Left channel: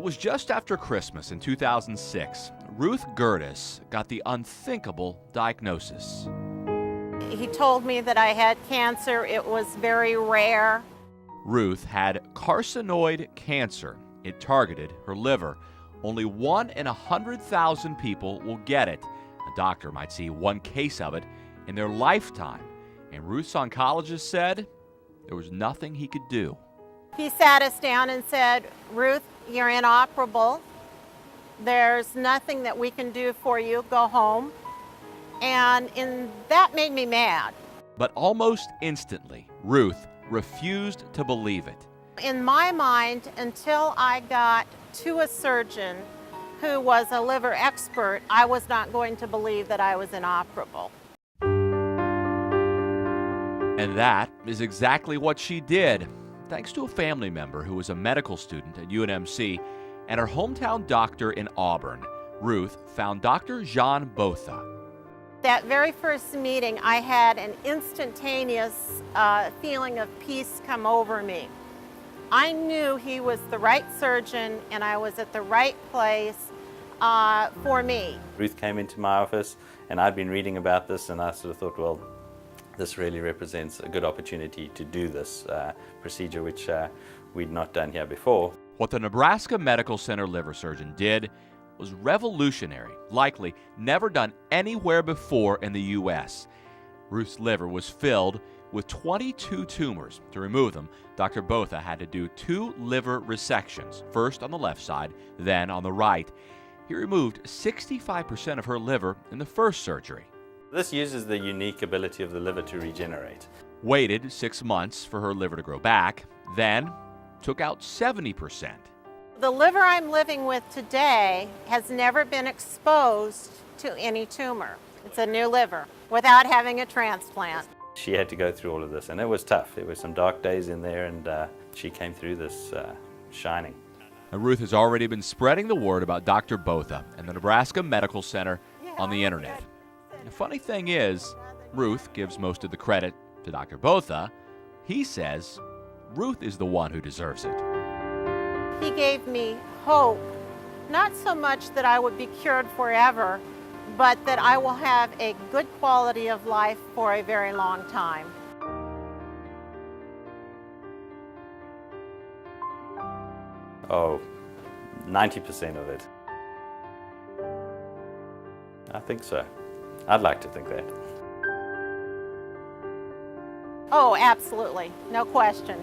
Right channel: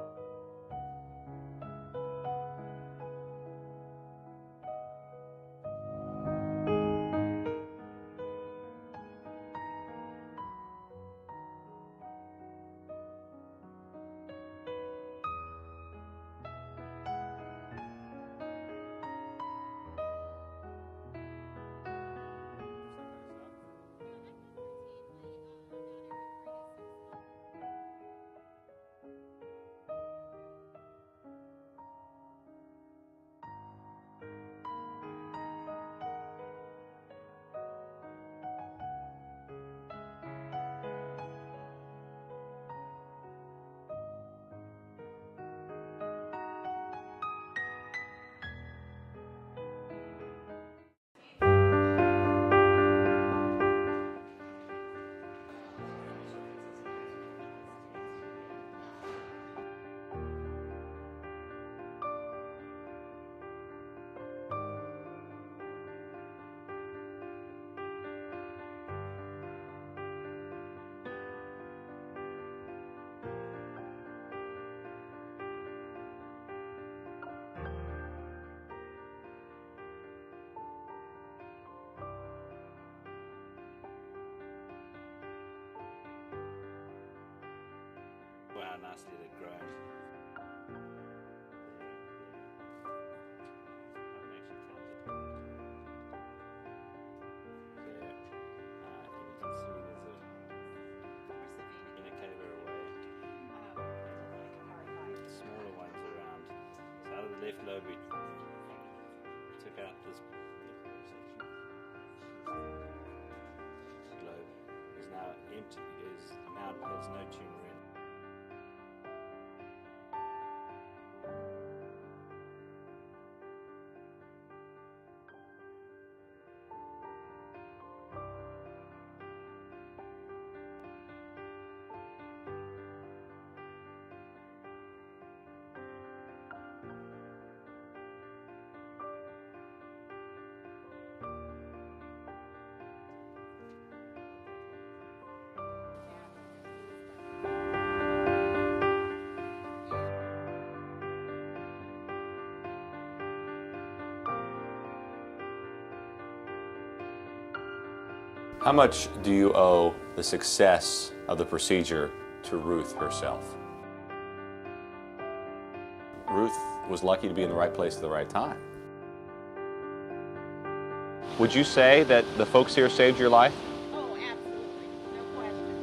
It was just after Christmas in 2006, Ruth Gertis got the unthinkable diagnosis. He told me that I had cancer. It was very rare. Ruth had carcinoid cancer. It targeted her liver. Only 1 in 100,000 people will get it. A doctor might see one case of it in their lifetime. And Ruth's oncologist said there was nothing he could do. He sat us down and said, "Ruth, you're inoperable. There's nothing that we can do for you. Go home." And that made me mad. But almost instantly, Ruth refused to believe it. In my mind, until I got to a surgeon who was a liver expert, I was not going to believe that I was inoperable. And that is exactly what she did. Thanks to a family member who was a medical student at UNMC and her hometown doctor in Auburn, Ruth found Dr. Jean Botha. That very first meeting, I had an instantaneous feeling of peace come over me. I knew he was the right surgeon and I was at the right place for me. Ruth came into my office and I'd been reading about this and I sort of thought, well, this really represents a good opportunity to do this procedure, which we'd not done here before. What the Nebraska Medical Center liver surgeon did was revolutionary, likely never done anywhere before in the U.S. Ruth's liver was filled with 22 tumors. To remove them, Dr. Botha had to do 2 liver resections, first on the left side, then on the right. He removed 65% of her liver in the first surgery. This uses the unique ability of the liver to regenerate. Waited 6 months for her liver to grow back, then took out 70%. The liver I'm living with today has never been exposed to any tumor. It's a new liver without having a transplant. She had to go through all of this and it was tough. There were some dark days in there and she came through this shining. And Ruth has already been spreading the word about Dr. Botha and the Nebraska Medical Center on the internet. The funny thing is, Ruth gives most of the credit to Dr. Botha. He says Ruth is the one who deserves it. He gave me hope, not so much that I would be cured forever, but that I will have a good quality of life for a very long time. How much do you owe the success of the procedure to Ruth herself? Oh, 90% of it. Ruth was lucky to be in the right place at the right time. I think so. I'd like to think that. Would you say that the folks here saved your life? Oh, absolutely. No question.